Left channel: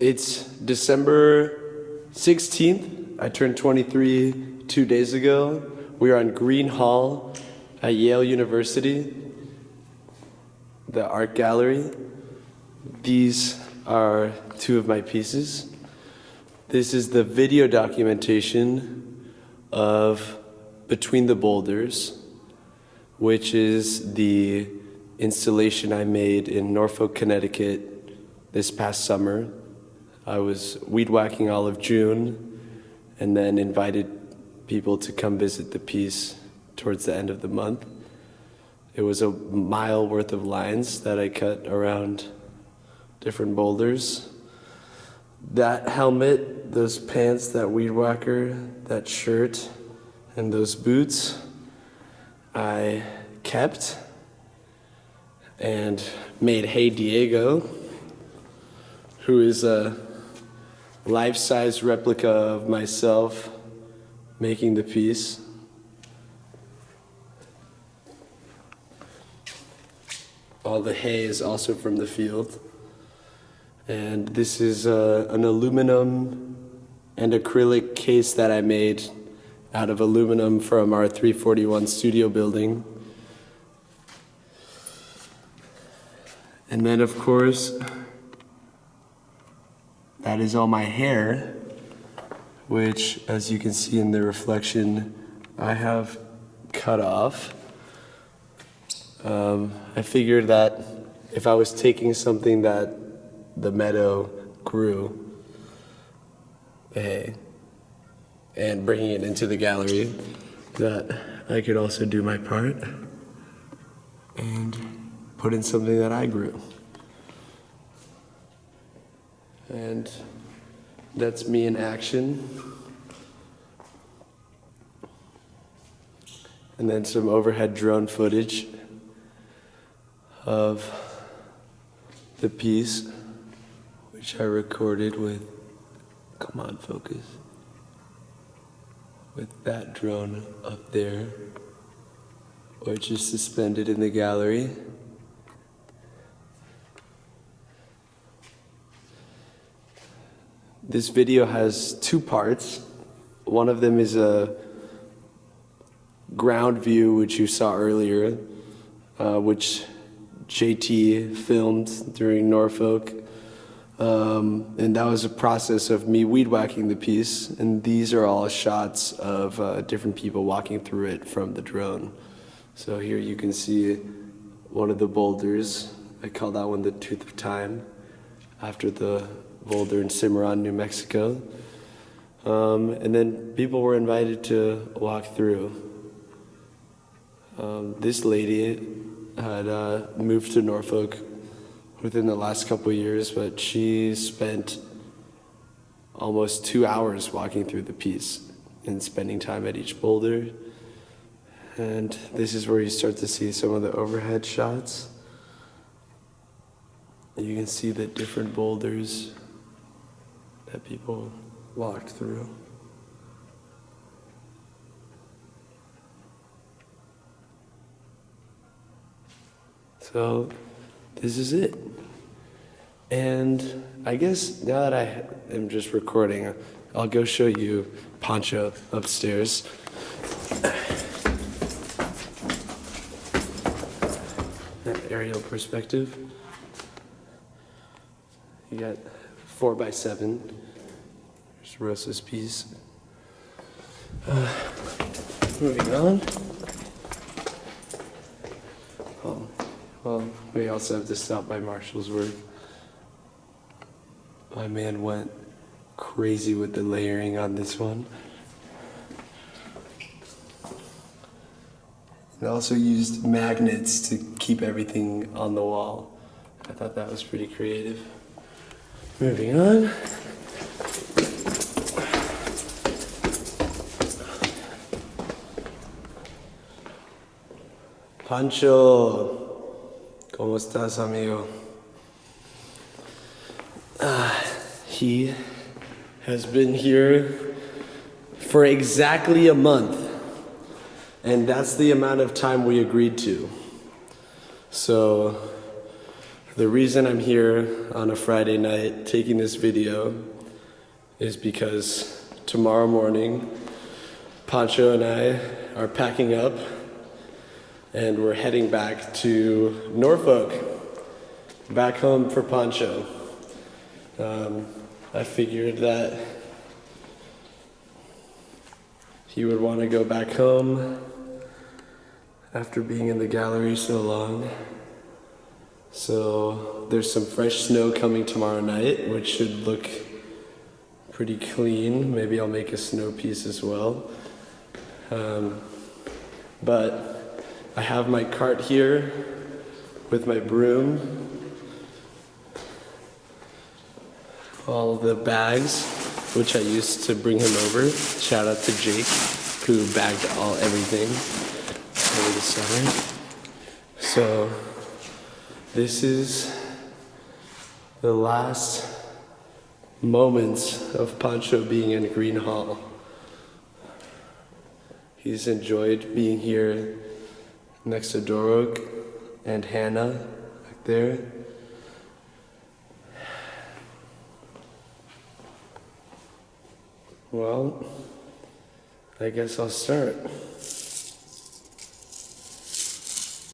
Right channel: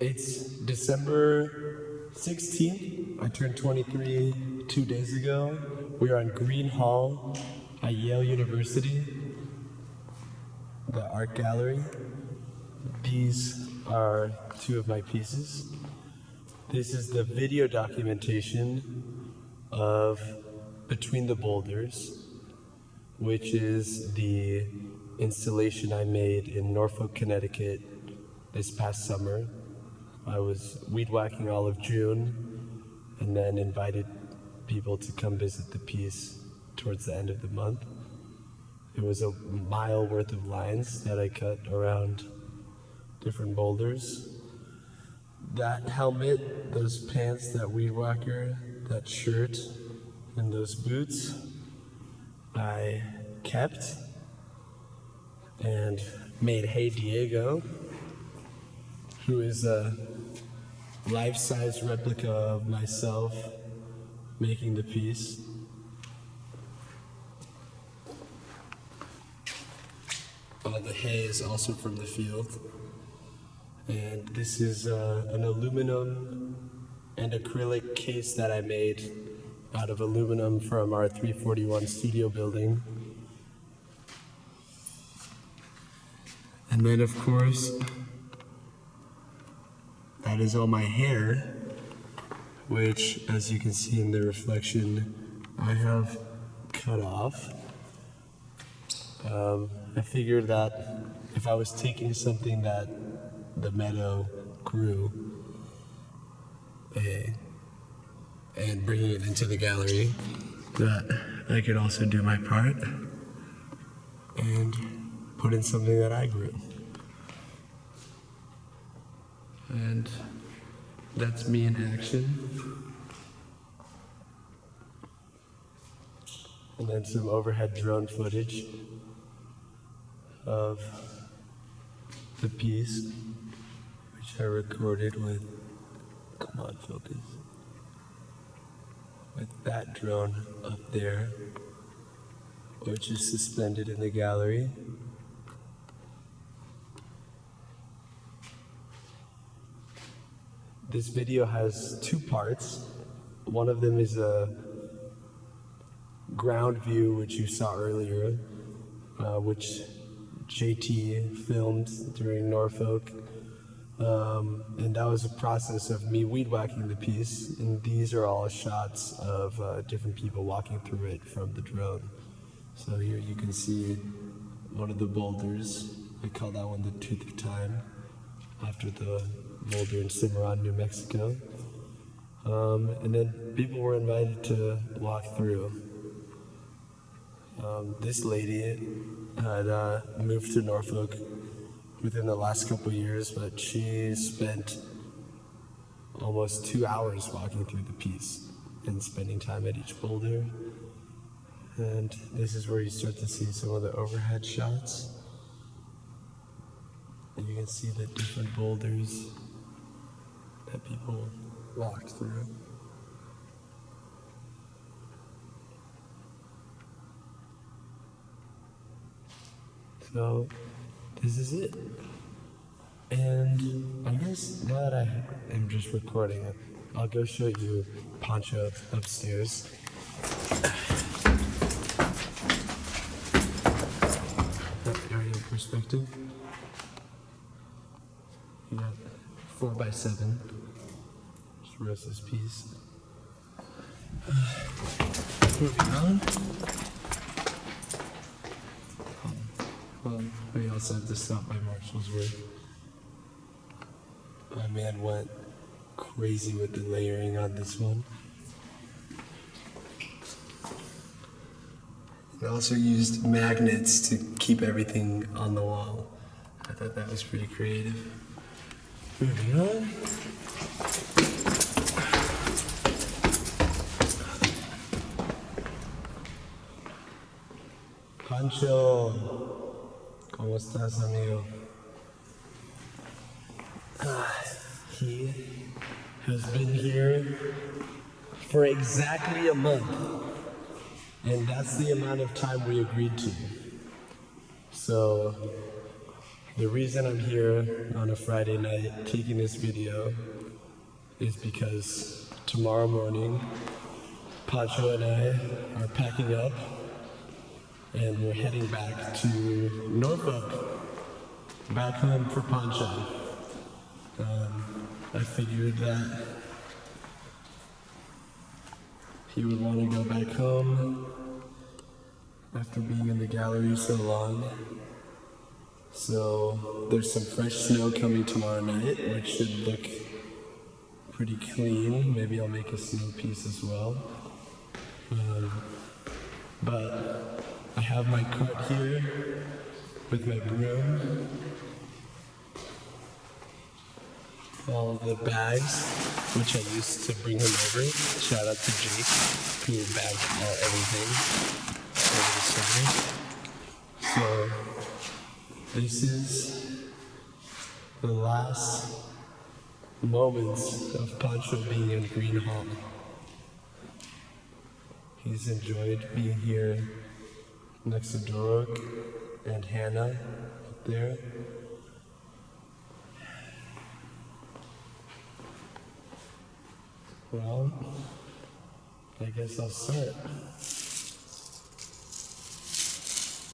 It's December 16th. I turned 23 2 days ago. We are on Green Hall at Yale University, the art gallery. These are two of my pieces. This is the video documentation of Between the Boulders, which is the installation I made in Norfolk, Connecticut this past summer. I was weed whacking all of June and then invited people to come visit the piece towards the end of the month. It was a mile worth of lines that I cut around different boulders. That helmet, those pants, that weed whacker, that shirt, and those boots, I kept and made Hey Diego, who is a life-size replica of myself making the piece. All the hay is also from the field. And this is an aluminum and acrylic case that I made out of aluminum from our 341 studio building. And then, of course, that is all my hair, which, as you can see in the reflection, I have cut off. I figured that if I was taking something that the meadow grew, and bringing it into the gallery, that I could also do my part and put in something that I grew. And that's me in action. And then some overhead drone footage of the piece, which I recorded with, come on, focus, with that drone up there, which is suspended in the gallery. This video has two parts. One of them is a ground view, which you saw earlier, which JT filmed during Norfolk. And that was a process of me weed whacking the piece. And these are all shots of different people walking through it from the drone. So here you can see one of the boulders. I call that one the Tooth of Time, after the boulder in Cimarron, New Mexico. And then people were invited to walk through. This lady had moved to Norfolk within the last couple of years, but she spent almost 2 hours walking through the piece and spending time at each boulder. And this is where you start to see some of the overhead shots. And you can see the different boulders that people walked through. So this is it. And I guess now that I am just recording, I'll go show you Poncho upstairs. That aerial perspective. You got 4x7. There's Rosa's piece. Moving on. Well, we also have to stop by Marshall's work. My man went crazy with the layering on this one. And also used magnets to keep everything on the wall. I thought that was pretty creative. Moving on. Poncho, ¿cómo estás, amigo? He has been here for exactly a month, and that's the amount of time we agreed to. So The reason I'm here on a Friday night taking this video is because tomorrow morning, Poncho and I are packing up and we're heading back to Norfolk, back home for Poncho. I figured that he would want to go back home after being in the gallery so long. So there's some fresh snow coming tomorrow night, which should look pretty clean. Maybe I'll make a snow piece as well. But I have my cart here with my broom, all of the bags, which I used to bring him over. Shout out to Jake, who bagged everything over the summer. So this is the last moments of Poncho being in Green Hall. He's enjoyed being here next to Dorok and Hannah back there. Well, I guess I'll start.